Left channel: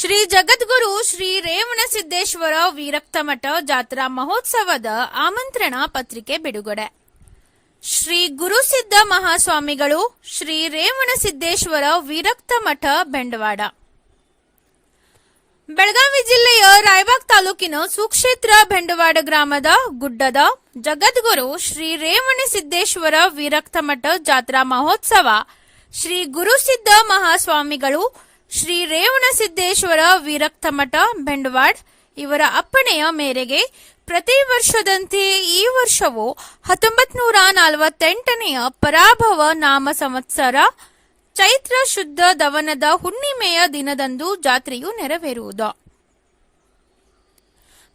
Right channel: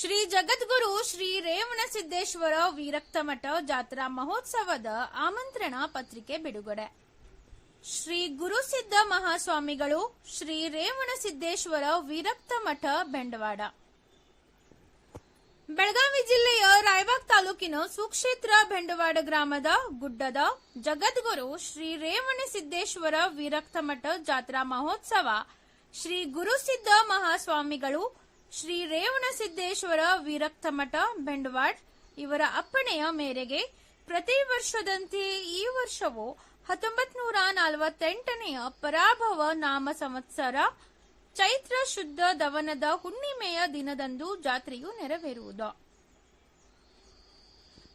ಶ್ರೀ ಜಗದ್ಗುರು ಶ್ರೀ ರೇವಣಸಿದ್ದೇಶ್ವರ ವಿರಕ್ತಮಠ ಜಾತ್ರಾ ಮಹೋತ್ಸವದ ಆಮಂತ್ರಣ ಪತ್ರಿಕೆ ಬಿಡುಗಡೆ. ಶ್ರೀ ಗುರುಸಿದ್ದ ಮಹಾಸ್ವಾಮಿಗಳು, ಶ್ರೀ ರೇವಣಸಿದ್ದೇಶ್ವರ ವಿರಕ್ತಮಠ, ಬೆಂಡವಾಡ. ಬೆಳಗಾವಿ ಜಿಲ್ಲೆಯ ರಾಯಬಾಗ್ ತಾಲೂಕಿನ ಸುಕ್ಷೇತ್ರ ಬೆಂಡವಾಡ ಗ್ರಾಮದ ಗುಡ್ಡದ ಜಗದ್ಗುರು ಶ್ರೀ ರೇವಣಸಿದ್ದೇಶ್ವರ ವಿರಕ್ತಮಠ ಜಾತ್ರಾ ಮಹೋತ್ಸವ ಶ್ರೀ ಗುರುಸಿದ್ದ ಮಹಾಸ್ವಾಮಿಗಳು, ಶ್ರೀ ರೇವಣಸಿದ್ದೇಶ್ವರ ವಿರಕ್ತಮಠ, ಬೆಂಡವಾಡ್ ಇವರ ಅಪ್ಪಣೆಯ ಮೇರೆಗೆ ಪ್ರತಿ ವರ್ಷದಂತೆ ಈ ವರ್ಷವೂ 1948ನೇ ಪರಾಭವ ನಾಮ ಸಂವತ್ಸರ ಚೈತ್ರ ಶುದ್ಧ ದವನದ ಹುಣ್ಣಿಮೆಯ ದಿನದಂದು ಜಾತ್ರೆಯು ನೆರವೇರುವುದು.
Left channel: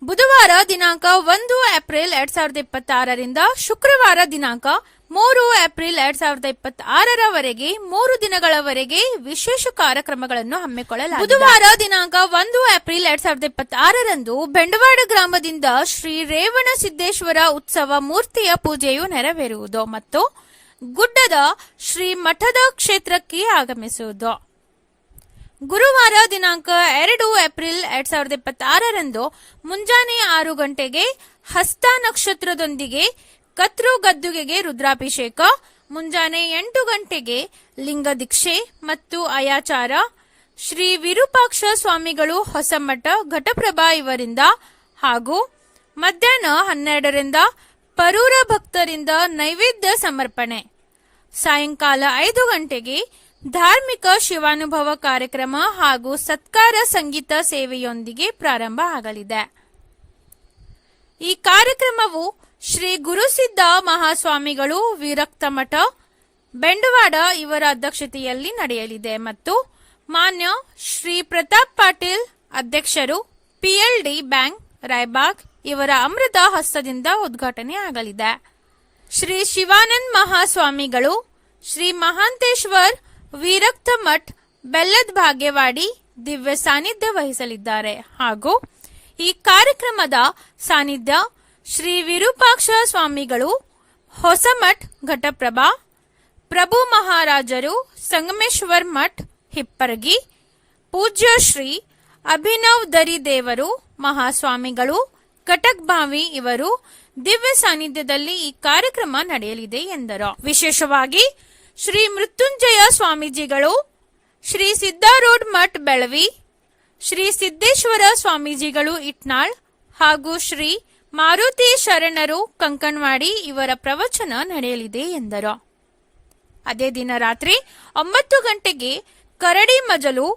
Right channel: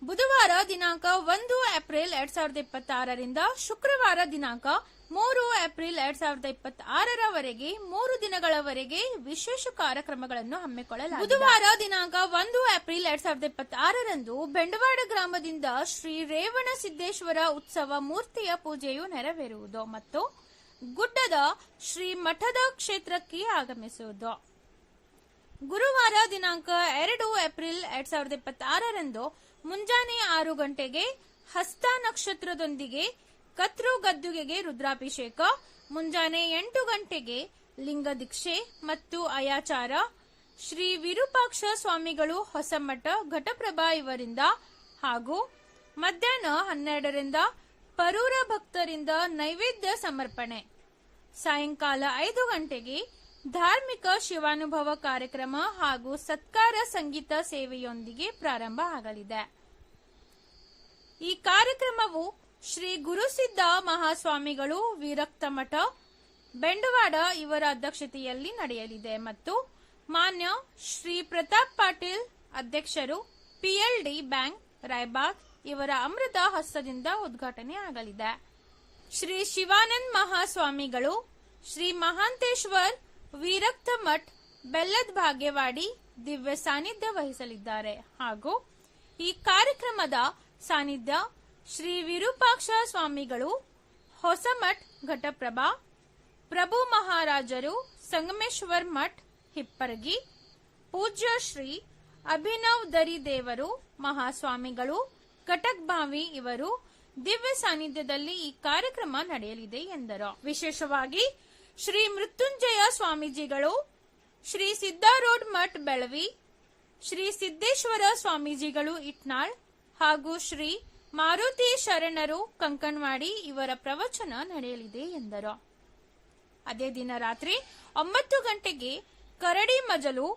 ಬುಧವಾರ ದಿನಾಂಕ 1 ಏಪ್ರಿಲ್ 2026ರಿಂದ ಶುಕ್ರವಾರ ದಿನಾಂಕ 3 ಏಪ್ರಿಲ್ 2026ರವರೆಗೆ 3 ದಿನಗಳವರೆಗೆ ವಿಶೇಷ ಕಾರ್ಯಕ್ರಮಗಳನ್ನು ಹಮ್ಮಿಕೊಳ್ಳಲಾಗಿದೆ. ಬುಧವಾರ ದಿನಾಂಕ 1 ಏಪ್ರಿಲ್ 2026ರಂದು ಬೆಂಡವಾಡ ಗ್ರಾಮದಿಂದ ಶ್ರೀ ರೇವಣಸಿದ್ದೇಶ್ವರ ಉತ್ಸವ ಮೂರ್ತಿಯ ಪೂಜೆಯು ನೆರವೇರುವುದು ಮತ್ತು ಗುಡ್ಡದ ಶ್ರೀ ಮಠದ ಕ್ಷೇತ್ರಕ್ಕೆ ಆಗಮಿಸುವುದು. ಗುರುವಾರ ದಿನಾಂಕ 2 ಏಪ್ರಿಲ್ 2026ರಂದು ಮುಂಜಾನೆ 6 ಗಂಟೆಗೆ ಹಸ್ತ ನಕ್ಷತ್ರದೊಂದಿಗೆ ಕತ್ರು ಗದ್ದುಗೆಗೆ ರುದ್ರಾಭಿಷೇಕ, ಮುಂಜಾನೆ 8 ಗಂಟೆಗೆ ಲಿಂಗ ದೀಕ್ಷೆ ಮತ್ತು ಅಯಾಚಾರ ಶ್ರೀ ವಿರೂಪಾಕ್ಷ ಸ್ವಾಮಿಗಳು ಹೊಸಮಠ ಘಟಪ್ರಭಾ ಇವರಿಂದ ಹಾಗೂ ಮಧ್ಯಾಹ್ನ 12ರಿಂದ ಪರೂರ ಭಕ್ತರಿಂದ ನೈವೇದ್ಯ ಸಮರ್ಪಣೆ. ಸಾಯಂಕಾಲ 5 ಗಂಟೆಗೆ ಧಾರ್ಮಿಕ ಶಿವಾನುಭವ ಕಾರ್ಯಕ್ರಮ ಹಾಗೂ ಸತ್ಕಾರ ಸಂಗೀತ ಸೇವೆಯೊಂದಿಗೆ ಪ್ರಾರಂಭ ಆಗಲಿದೆ. ಈ ಕಾರ್ಯಕ್ರಮವು ಶ್ರೀ ಗುರುಸಿದ್ದ ಮಹಾಸ್ವಾಮಿಗಳು ವಿರಕ್ತಮಠ, ಬೆಂಡವಾಡ ಇವರ ಅಧ್ಯಕ್ಷತೆಯಲ್ಲಿ ನಡೆಯಲಿದೆ ಮತ್ತು ಮಾನ್ಯ ಶ್ರೀ ಪ್ರತಾಪ್ ಪಾಟೀಲ್ ಅಧ್ಯಕ್ಷರು, PLD ಬ್ಯಾಂಕ್ ರಾಯಬಾಗ್ ಇವರ ಅಮೃತ ಹಸ್ತದಿಂದ ಉದ್ಘಾಟನೆ ಆಗಲಿದೆ. ಶ್ರೀ ಶಿವಾನಂದ ಮಹಾಸ್ವಾಮಿಗಳು, ಶ್ರೀ ಮಹಾಂತೇಶ್ವರ್ ವಿರಕ್ತಮಠ್, ಬೆಲ್ಲದ ಭಾಗ್ಯವಾಡಿ ದಿವ್ಯ ಸಾನ್ನಿಧ್ಯ ವಹಿಸಲಿದ್ದಾರೆ ಹಾಗೂ ಈ ಕಾರ್ಯಕ್ರಮದ ಸಾನ್ನಿಧ್ಯ ಶ್ರೀ ವಿರೂಪಾಕ್ಷ ಸ್ವಾಮಿಗಳು, ಹೊಸಮಠ್ ಘಟಪ್ರಭಾ, ಪ್ರಭು ಮಹಾರಾಜರು, ಸಂಗಮೇಶ್ವರ್ ಮಠ್ ಹಿಪ್ಪರಗಿ, ಪೂಜ್ಯ ಶ್ರೀ ಅಭಿನವ್ ದರಿ ದೇವರು ಮಹಾಸ್ವಾಮಿಗಳು ಕಟಕ್ ಬಾವಿ ಇವರು ದಿವ್ಯ ಸಾನ್ನಿಧ್ಯದಲ್ಲಿ ಈ ಕಾರ್ಯಕ್ರಮ ನಡೆಯಲಿದೆ ಎಂದರು. ವಿಶೇಷವಾಗಿ ಶ್ರೀ ಮೃತ್ಯುಂಜಯ ಸ್ವಾಮೀಜಿಗಳು, ಶ್ರೀ ಸಿದ್ದಾರೂಢ ಮಠ್ ಬೆಳವಿ, ಶ್ರೀ ಸಿದ್ದೇಶ್ವರ ಸ್ವಾಮೀಜಿಗಳು ಇಟ್ನಾಳ್ ಹಾಗೂ ಶ್ರೀ ಮಾರುತಿ ಶರಣರು ಕಂಕಣವಾಡಿ ಇವರ ಪ್ರವಚನ ನಡೆಯಲಿದೆ ಎಂದರು. ಅದೇ ದಿನ ರಾತ್ರಿ 9 ಗಂಟೆಗೆ ಕರಡಿ ಮಜಲು,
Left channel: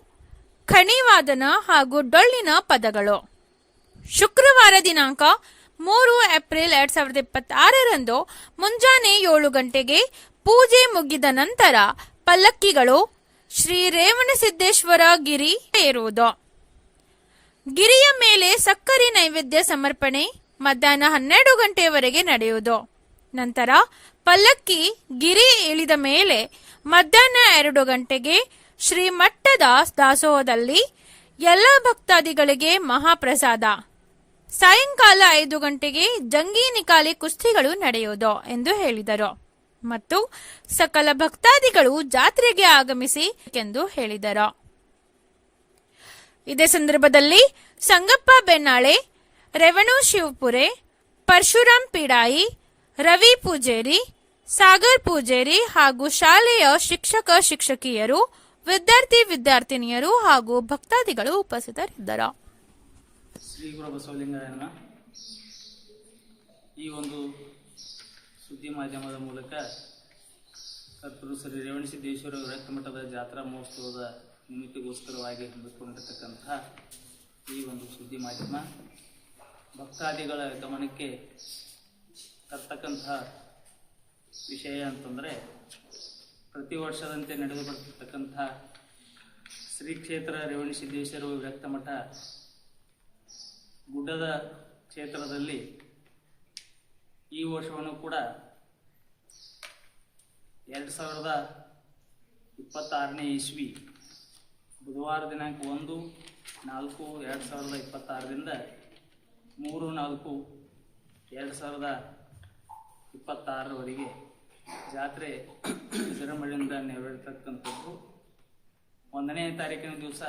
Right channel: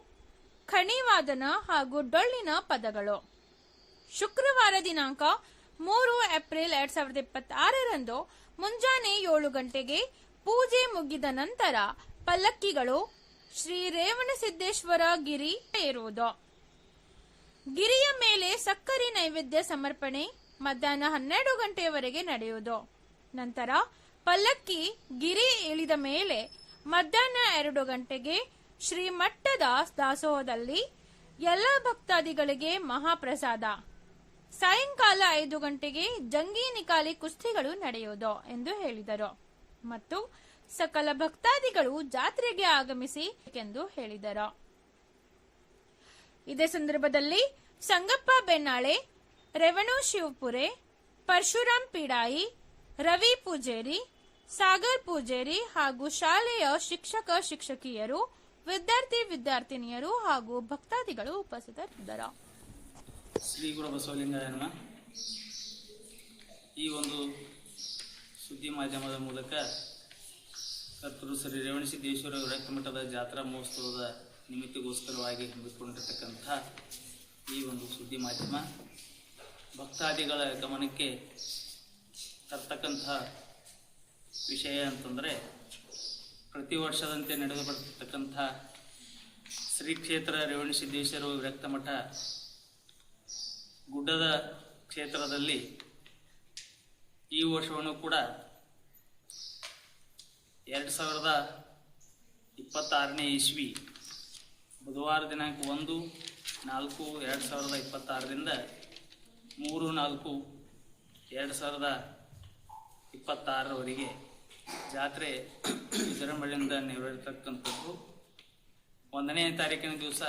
ಖಣಿವಾದನ ಹಾಗೂ ಡೊಳ್ಳಿನ ಪದಗಳು. ಶುಕ್ರವಾರ ದಿನಾಂಕ 3 ಏಪ್ರಿಲ್ 2026ರಂದು ಮುಂಜಾನೆ 7 ಗಂಟೆಗೆ ಪೂಜೆ ಮುಗಿದ ನಂತರ ಪಲ್ಲಕ್ಕಿಗಳು ಶ್ರೀ ರೇವಣಸಿದ್ದೇಶ್ವರ ಗಿರಿ ಏರುವುದು. ಗಿರಿಯ ಮೇಲೆ ಸಕ್ಕರೆ ನೈವೇದ್ಯ ಸಮರ್ಪಣೆ ಮಧ್ಯಾಹ್ನ 12 ಗಂಟೆಯವರೆಗೆ ನಡೆಯುವುದು. ನಂತರ ಪಲ್ಲಕ್ಕಿ ಗಿರಿ ಇಳಿದ ಮೇಲೆ ಮಧ್ಯಾಹ್ನ 2 ಗಂಟೆಗೆ ಶ್ರೀ ಮಠದ ದಾಸೋಹದಲ್ಲಿ ಎಲ್ಲ ಭಕ್ತಾದಿಗಳಿಗೆ ಮಹಾಪ್ರಸಾದ. ಸಾಯಂಕಾಲ 5 ಗಂಟೆಗೆ ಜಂಗಿ ನಿಕಾಲಿ ಕುಸ್ತಿಗಳು ನಡೆಯುವುದು ಎಂದು ಹೇಳಿದರು ಮತ್ತು ಸಕಲ ಭಕ್ತಾದಿಗಳು ಜಾತ್ರೆಗೆ ಆಗಮಿಸಿ ಎಂದು ಹೇಳಿದರು. ಇದೇ ಸಂದರ್ಭದಲ್ಲಿ ಸಂಗಪ್ಪ ಬೆನ್ನಾಳೆ, ರೇವಣು ಶಿವಪುರೆ, ಪರಶುರಾಮ್ ಪಿಡಾಯಿ, ರವಿ ಪೂಜೇರಿ, ಸಾಗರ್ ಪೂಜೇರಿ ಹಾಗೂ ಶಾಲೆಯ ಶಿಕ್ಷಕ ಶಿಕ್ಷಕಿಯರು, ವಿದ್ಯಾರ್ಥಿನಿಯರು ಹಾಗೂ ಭಕ್ತಾದಿಗಳು ಉಪಸ್ಥಿತರಿದ್ದರು. ಶ್ರೀ ಗುರು ಬಸವಲಿಂಗಾಯನ ಈ ಒಂದು ಸುದ್ದಿ ಮಾಧ್ಯಮದ ಮೂಲಕ ಕರ್ತೃ ಶ್ರೀ ರೇವಣಸಿದ್ದೇಶ್ವರ ವಿರಕ್ತಮಠದ ಜಾತ್ರಾ ಮಹೋತ್ಸವದ ನಿಮಿತ್ತಗೋಸ್ಕರವಾಗಿ ಹಮ್ಮಿಕೊಂಡಿರತಕ್ಕಂಥ ಈ ಒಂದು ಸುದ್ದಿ ಮಾಧ್ಯಮ ಭಕ್ತಾದಿಗಳ ಗಮನಕ್ಕೆ ತರ್ತಕ್ಕಂಥ ವಿಷಯ ಅಂತಂದರೆ, ಪ್ರತಿ ವರ್ಷದಂತೆ ನಡೆದು ಬರ್ತಕ್ಕಂಥ ಶ್ರೀ ಕ್ಷೇತ್ರ ರೇವಣಸಿದ್ದೇಶ್ವರ ವಿರಕ್ತಮಠ ಗುಡ್ಡದ ಕ್ಷೇತ್ರದಲ್ಲಿ ಈ ವರ್ಷವನ್ನು ಕೂಡ 2026ನೇ ಇಸ್ವಿ ಬುಧವಾರ ದಿನಾಂಕ 1/4/2026ರಿಂದ 3/4/2026ರವರೆಗೆ ಜಾತ್ರೆ ವಿಜೃಂಭಣೆಯಿಂದ ನೆರವೇರತಕ್ಕಂಥದ್ದು. 1ನೇ ತಾರೀಕಿನ ದಿವಸ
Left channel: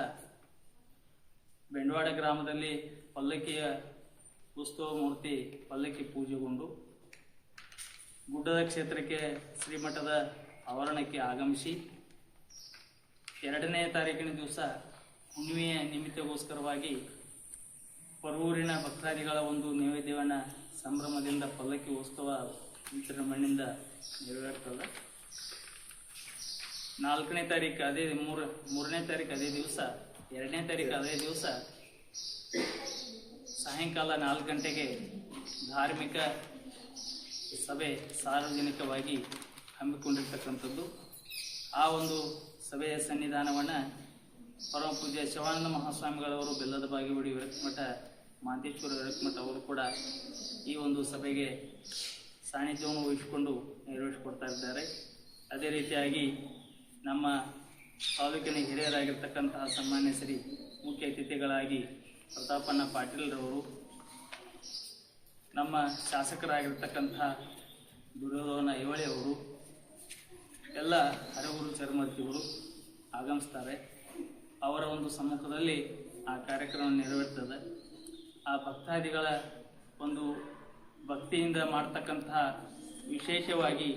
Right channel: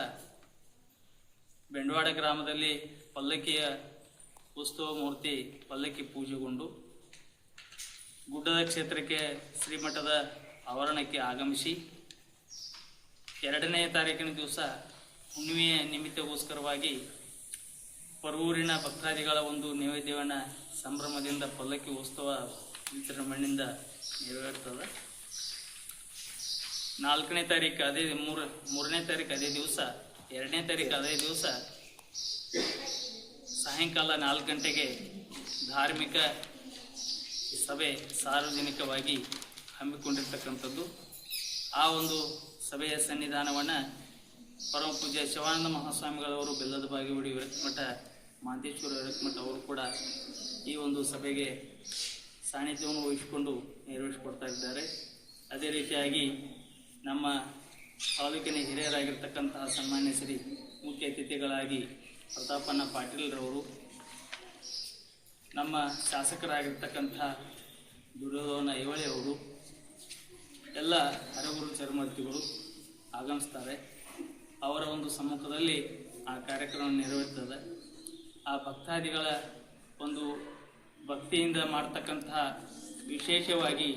ಬೆಂಡವಾಡ ಗ್ರಾಮದಲ್ಲಿ ಪಲ್ಲಕ್ಕಿಯ ಉತ್ಸವ ಮೂರ್ತಿ ಪಲ್ಲಕ್ಕಿ ಪೂಜೆಗೊಂಡು ಗುಡ್ಡದ ಕ್ಷೇತ್ರಕ್ಕೆ ಶ್ರೀಮಠದ ಆವರಣಕ್ಕೆ ಆಗಮಿಸಿ 2ನೇ ತಾರೀಕಿನ ದಿವಸ ಹುಣ್ಣಿಮೆಯ ನಿಮಿತ್ತಗೋಸ್ಕರವಾಗಿ ಪರವೂರಿನ ಭಕ್ತಾದಿಗಳ ಒಂದು ನೈವೇದ್ಯವನ್ನು ಸಂಭ್ರಮದಿಂದ ಪಲ್ಲಕ್ಕಿ ಉತ್ಸವ ವಿಜೃಂಭಣೆಯಿಂದ ನೆರವೇರ್ತದೆ. 4ನೇ ತಾರೀಕು ಅದೇ 3ನೇ ತಾರೀಕು ಅದೇ ದಿವಸ, 2ನೇ ತಾರೀಕು ಅದೇ ದಿವಸ ಸಾಯಂಕಾಲ 4 ಗಂಟೆಗೆ ಧಾರ್ಮಿಕ ಸಭೆ ಸಾರ್ವಜನಿಕವಾಗಿ ಹಮ್ಮಿಕೊಂಡಿರ್ತಕ್ಕಂಥದ್ದು. ಆ ಒಂದು ಸಭೆಯ ಸನ್ನಿಧಾನವನ್ನು ಪರಮ ಪೂಜ್ಯ ಶಿವಾನಂದ ಮಹಾಸ್ವಾಮಿಗಳವರು ಬೆಲ್ಲದ ಬಾಗೇವಾಡಿ ವಿರಕ್ತಮಠ ಮಾಂತೇಶ್ವರ ವಿರಕ್ತಮಠ ಅವರು ಕೂಡ ಈ ಒಂದು ಸಭೆಗೆ ಸಾನ್ನಿಧ್ಯವನ್ನು ವಹಿಸಿಕೊಂಡು ನೆರವೇರಿಸಿಕೊಡ್ತಾ ಇದ್ದಾರೆ. ಅದೇ ರೀತಿಯಾಗಿ ನಮ್ಮ ತಾಲೂಕಿನ ಹಿರಿಯರಾಗಿರ್ತಕ್ಕಂತಹ ಸನ್ಮಾನ್ಯ ಶ್ರೀ ಮುಖ್ಯ ಅತಿಥಿಗಳಾಗಿ ಪ್ರತಾಪಣ್ಣ ಪಾಟೀಲ್ರವರು, ನಮ್ಮ ಶಾಸಕರಾಗಿರ್ತಕ್ಕಂಥ ದುರ್ಯೋಧನ ಐಹೊಳೆ ಅವರು, ಎಲ್ಲ ಹರಗುರು ಚರ್ಮರ್ತಿಗಳು ಆಗಮಿಸ್ತಾರೆ. ಅವರ ಒಂದು ಸಮ್ಮುಖದಲ್ಲಿ ಆ ಕಾರ್ಯಕ್ರಮ ನೆರವೇರ್ತದೆ. ಆ ಭಕ್ತಾದಿಗಳ ಒಂದು ಭಕ್ತಿಯಿಂದ ಮಾಡ್ತಕ್ಕಂತಹ ವಿಶೇಷವಾಗಿ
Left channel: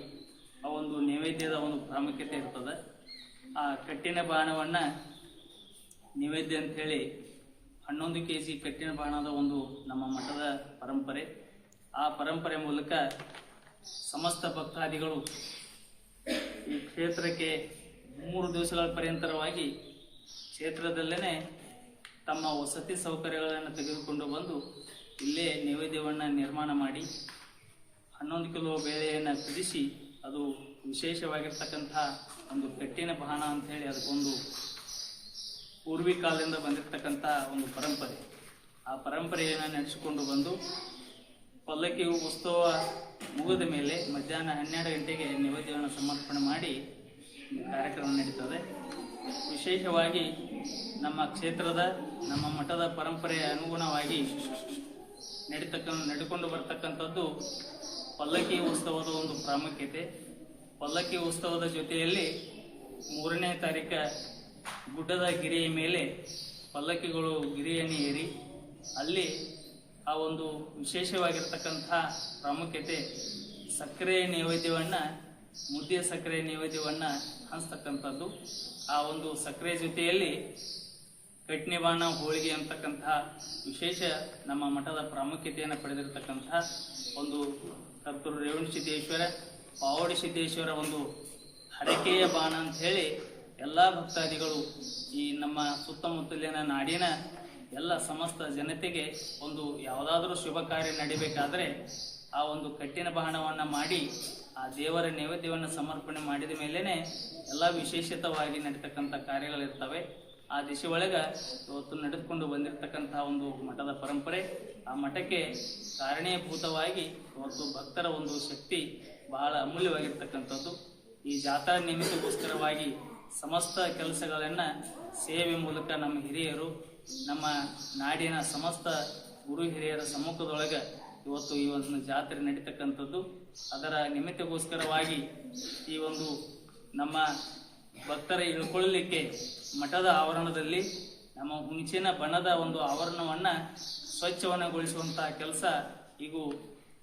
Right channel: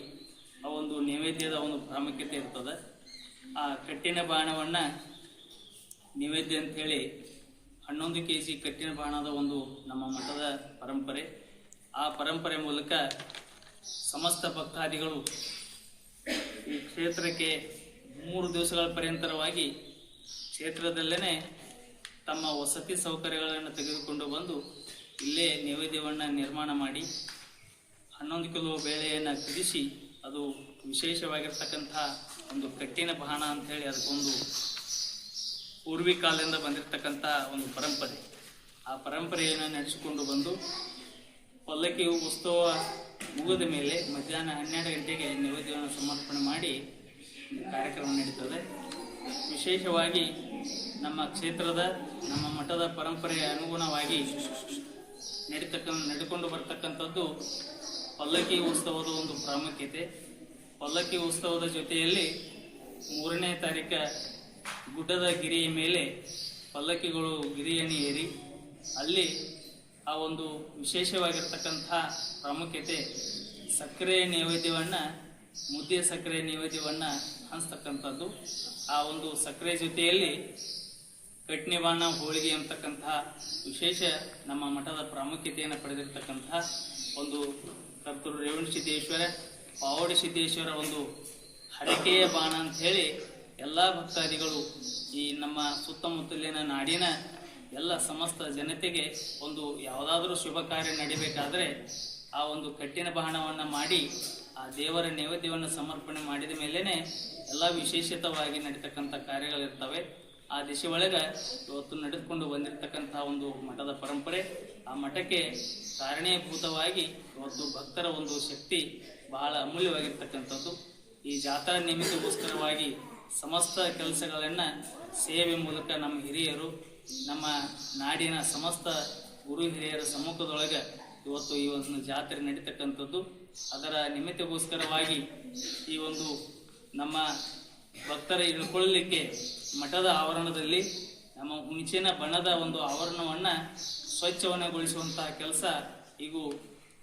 ಆ ಒಂದು ನೈವೇದ್ಯದ ಒಂದು ಪ್ರಾಮುಖ್ಯತೆ ಇರ್ತದೆ. ಆ ಕಟ್ಟಿನ ಬಾಣವನ್ನು ನೈವೇದ್ಯ ಅಂಥೇಳಿ 11 kg ಕಟ್ಟಿನ ಬಾಣದ ಒಂದು ನಮ್ಮ ಮಠದ ಪರಂಪರೆ. ಆ ಪರಂಪರೆ ಮೂಲಕ ಸಮಸ್ತ ಭಕ್ತಾದಿಗಳು ಈ ಕ್ಷೇತ್ರಕ್ಕೆ 3 ದಿವಸಗಳ ಪರ್ಯಂತರವಾಗಿ ಕ್ಷೇತ್ರದಲ್ಲೇ ತಮ್ಮ ವಸತಿ ಸೌಕರ್ಯಗಳನ್ನು ತೆಗೆದುಕೊಂಡು ಬಂದು ಇಲ್ಲೇ ನೈವೇದ್ಯವನ್ನು ನಿರ್ಮಾಣ ಮಾಡಿ 11 ಕಿಲೋ ಬೇಳೆಯನ್ನು ಕುದಿಸಿ, ಅದು ವಿಶೇಷವಾಗಿರ್ತಕ್ಕಂಥ ಒಂದು ಕಟ್ಟಿನ ಬಾಣ ಅಂಥೇಳಿ ಅದಕ್ಕೊಂದು ಪೂರ್ವಿ ಕಾಲದಿಂದ ಬಂದಿರತಕ್ಕಂಥ ಒಂದು ಪರಂಪರೆ. ಆ ಪರಂಪರೆಯನ್ನು ನಡೆಸಿಕೊಂಡು ಬಂದು ಪಲ್ಲಕ್ಕಿ ಉತ್ಸವ ಮುಗಿದ ಮೇಲೆ ಮಧ್ಯಾಹ್ನ 12 ಗಂಟೆಗೆ ನೈವೇದ್ಯವನ್ನು ಸಮರ್ಪಣೆ ಮಾಡಿ ಕಾರ್ಯಕ್ರಮ ನಡೀತದೆ. ವಿಶೇಷವಾಗಿ ನಮ್ಮ ಕ್ಷೇತ್ರದ, ನಮ್ಮ ಮಠದ ಪರಂಪರೆಯ ಅನುಗುಣವಾಗಿ ನಡೆದುಕೊಂಡು ಬರ್ತಕ್ಕಂಥದ್ದು ಪಲ್ಲಕ್ಕಿ ಉತ್ಸವದ ಒಂದು ಪ್ರಾಮುಖ್ಯತೆ. ಪಲ್ಲಕ್ಕಿ ಉತ್ಸವದ ಜೊತೆಯಲ್ಲಿ 3ನೇ ತಾರೀಕು ಗುಡ್ಡದ ಗಿರಿಯ ಮೇಲೆ ಪಲ್ಲಕ್ಕಿಗಳು ಗಿರಿಯನ್ನು ಏರಿ ಅಲ್ಲಿ ಆ ಒಂದು ವಿಶೇಷವಾಗಿರ್ತಕ್ಕಂಥ ಪ್ರಾಮುಖ್ಯತೆ ಸಕ್ಕರೆ ನೈವೇದ್ಯವನ್ನು, ಮುದ್ದೆ ಸಕ್ಕರೆ ನೈವೇದ್ಯವನ್ನು ಹಂಚ್ತಕ್ಕಂಥದ್ದು. ಆ ಒಂದು ಸಕ್ಕರೆ ಜೊತೆಯಲ್ಲಿ ಕಟ್ನಿ ಬಾಣ, ಹೋಳಿಗೆ ಅಂತಕ್ಕಂತಹ ವಿಶೇಷ ನಮ್ಮ ಮಠದ ಪ್ರಾಮುಖ್ಯತೆಯನ್ನು ಪಡೆದಿರತಕ್ಕಂಥ ಒಂದು ಕರ್ತೃ ರೇವಣಸಿದ್ದೇಶ್ವರ, ಪಾವಡಿ ಸಿದ್ದೇಶ್ವರ ಒಂದು ಹರಕೆಯ ಬಾಣ ಅಂತ ಹೇಳಿ ಎಲ್ಲ ಭಕ್ತಾದಿಗಳು, ಈ ನಮ್ಮ ಸುತ್ತಮುತ್ತಲಿನ ನಾಡಿನ ಎಲ್ಲ ಸಮಸ್ತ ಜನತೆಗೆ ಒಂದು ಯಾವುದಾದ್ರೂ ಶುಭ ಕಾರ್ಯ ನಡಿಬೇಕಾದ್ರೆ ಆ ಒಂದು ಕಟ್ಟಿನ ಬಾಣವನ್ನು ಮಾಡಿ ಆ ದೇವರ ನೈವೇದ್ಯವನ್ನು ಸಮರ್ಪಣೆ ಮಾಡಿದ ಮೇಲೇ ಎಲ್ಲ ವಿಶೇಷಿತವಾಗಿ ನಡೀತಕ್ಕಂಥ ಕಾರ್ಯಗಳಿರ್ತವೆ. ಆ ದಿಶೆ ಒಳಗೆ ಇವತ್ತು ನಡೆದುಕೊಂಡು ಬಂದಿರತಕ್ಕಂಥ ಒಂದು ಮಠದ ಪರಂಪರೆ. ಆ ಮಠಕ್ಕೆ ಕಾರಣೀಭೂತವಾಗಿ ಇವತ್ತು ಭಕ್ತರ ಒಂದು ಶಕ್ತಿ ಬಹಳ ಅಮೂಲ್ಯವಾಗಿರ್ತಕ್ಕಂಥದ್ದು. ಈ ಜಾತ್ರಾ ನಿಮಿತ್ತಗೋಸ್ಕರವಾಗಿ ಸಮಸ್ತ ಕೆಲಸಗಳನ್ನು ಸೇವೆ ಮೂಲಕ ನಮ್ಮ ಹಿರಿಯರು, ನಮ್ಮ ನಾಡಿನ ಸಮಸ್ತ ಗುರು ಹಿರಿಯರ ಸಮ್ಮುಖದೊಳಗೆ ಇವತ್ತು ಈ ಒಂದು ಜಾತ್ರೆ ನಡೀತಕ್ಕಂಥದ್ದು. ಅದರ ನಿಮಿತ್ತಗೋಸ್ಕರವಾಗಿ ಈ ಒಂದು ನಮ್ಮ ಭಕ್ತರ ಇಳ್ಕೊಳ್ಳಲಿಕ್ಕೆ ಮಠದ ಆವರಣದಲ್ಲಿ ನಮ್ಮ ಹುಣಚಿನ ಬಣ್ಣದ ಒಂದು ಆವರಣವನ್ನು ಸ್ವಚ್ಛವನ್ನಗೊಳಿಸುವಂತಹ ಕೆಲಸ ಈಗ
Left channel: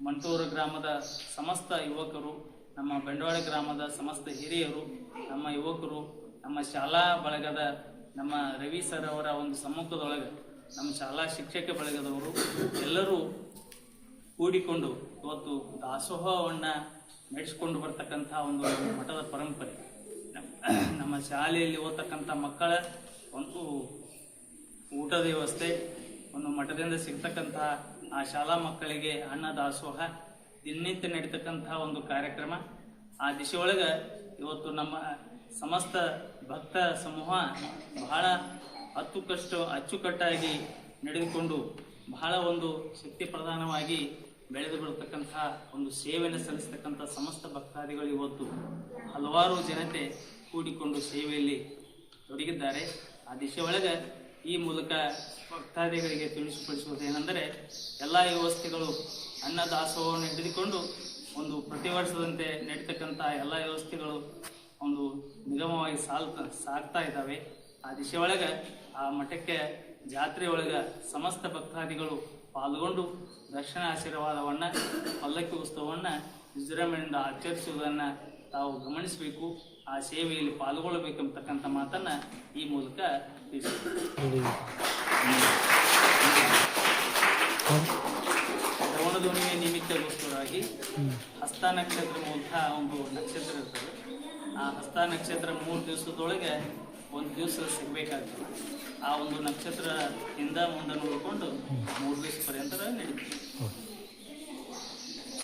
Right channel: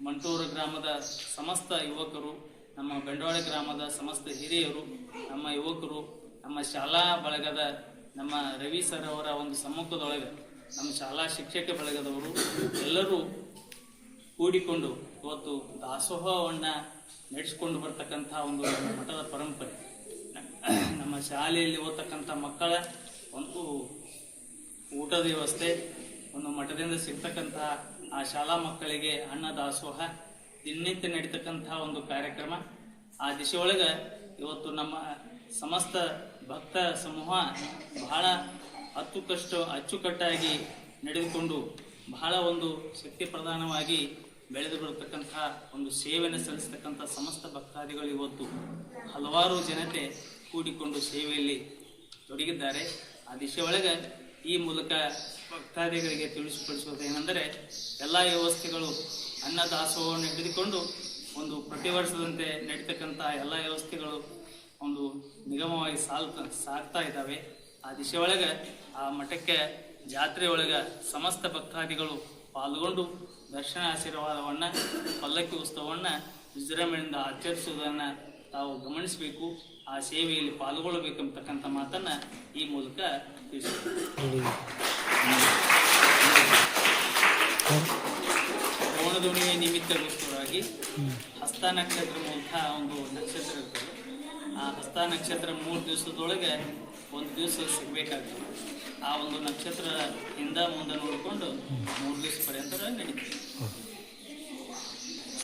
ಮಂಟೂರು ಗ್ರಾಮದ ಸಮಸ್ತ ಯುವಕರು, ನಮ್ಮ ಬಂಡವಾಳ ಗ್ರಾಮದ ಸಮಸ್ತ ಹಿರಿಯರು, ನಮ್ಮ ಯುವಕರು, ನಮ್ಮ ಶಾಲಾ ಬಳಗದ ನಮ್ಮ ರವಿ ಸರ್ ಅವರ ಒಂದು ಸಮ್ಮುಖದೊಳಗೆ ನಮ್ಮ ಶಾಲಾ ಶಿಕ್ಷಕ ಬಳಗದವರು ಎಲ್ಲರೂ ಕೂಡಿಕೊಂಡು ಇವತ್ತು ದಾಸೋಹವನ್ನು ನಡೆಸಿಕೊಂಡು ಬರ್ತಕ್ಕಂಥ ಒಂದು ಮಠದ ಪರಂಪರೆ. ನಮ್ಮ ಶಾಲೆಯಲ್ಲಿ ಓದ್ತಕ್ಕಂಥ ಮಕ್ಕಳ ಒಂದು ಊಟದ ವ್ಯವಸ್ಥೆ, ಒಂದು ಮಠದಿಂದ ಸಿಗ್ತಕ್ಕಂತಹ ಆ ಶಾಲಾ ಮಕ್ಕಳಿಗೆ ಅನ್ನ ದಾಸೋಹ ದಿನನಿತ್ಯ ನಡೀತಕ್ಕಂಥ ಒಂದು ಕಾರ್ಯಕ್ರಮ. ಆ ದಿಶೆಯೊಳಗೆ ಇವತ್ತು ನಮ್ಮ ಸಮಸ್ತ ಭಕ್ತ ಸಮೂಹ ಬಹಳ ಅಚ್ಚುಕಟ್ಟಾಗಿ ನಡೆದುಕೊಂಡು ಬಹಳ ಒಂದು ಶಕ್ತಿ ಪ್ರಧಾನವಾಗಿ ಬೆಳೆದು ಬರತಕ್ಕಂಥ ಒಂದು ಸೇವೆಯನ್ನು ಸಲ್ಲಿಸ್ತಕ್ಕಂಥ ಸಮಸ್ತ ಭಕ್ತಾದಿಗಳು ಇವತ್ತು ಹಲವಾರು ಜನತೆ ಕೂಡಿಕೊಂಡು ಸೇವೆಯಲ್ಲಿ ತೊಡಗಿದ್ದಾರೆ. ಆ ದಿಶೆ ಒಳಗೆ ಈ ಮೂಲಕ ಭಕ್ತಾದಿಗಳಿಗೆ ತಿಳಿಸಿಪಡಿಸುವುದೇನೆಂದರೆ ಎಲ್ಲ ವ್ಯವಸ್ಥೆಗಳು ಅನ್ನ ದಾಸೋಹವನ್ನು ಹಿಡಿದುಕೊಂಡು ಒಂದು ಪ್ರತಿ ವರ್ಷದಂತೆ ನಡೀತಕ್ಕಂಥ ಎಲ್ಲ ವ್ಯವಸ್ಥೆಗಳು ಒಂದು ನಿಗಮವಾಗಿ ಸಾಗ್ತಾ ಇದ್ದಾವೆ. ಆ ದಿಶೆ ಒಳಗೆ ಆ ಮಠಕ್ಕೆ ಜಾತ್ರೆಯೊಳಗೆ ಸಮಸ್ತ ಭಕ್ತಾದಿಗಳು ಪಾಲ್ಗೊಂಡು ದರ್ಶನ ಆಶೀರ್ವಾದವನ್ನು ಪಲ್ಲಕ್ಕಿ ಉತ್ಸವವನ್ನು ವಿಜೃಂಭಣೆಯಿಂದ ಆಚರಿಸುವುದನ್ನು ತಾವು ಗಮನಿಸಬೇಕು, ಆ ಸೇವೆಯಲ್ಲಿ ಪಾಲ್ಗೊಳ್ಳಬೇಕೆಂಬತಕ್ಕಂಥ ಮಾತನ್ನು ಈ ಮೂಲಕ ತಿಳಿಸಿದ್ದಾರೆ. ಶ್ರವಣದೋಣಿಯ ನಿಮಿತ್ತಗೋಸ್ಕರವಾಗಿ ಹಸ್ತ ನಕ್ಷತ್ರ ಮೂಲಕ ಒಂದು ನಕ್ಷತ್ರ ಇರ್ತದೆ. ಆ ಹಸ್ತ ನಕ್ಷತ್ರ 3 ದಿವಸದೊಳಗೆ 1 ದಿವಸ ಸಿಗಬೇಕಾಗ್ತದೆ. ಆ ಒಂದು ನಕ್ಷತ್ರ ಹಿಂದ ಮುಂದೆ ನೋಡಿಕೊಂಡು 3 ದಿವಸ ಪರ್ಯಂತ ನಡೀತದೆ.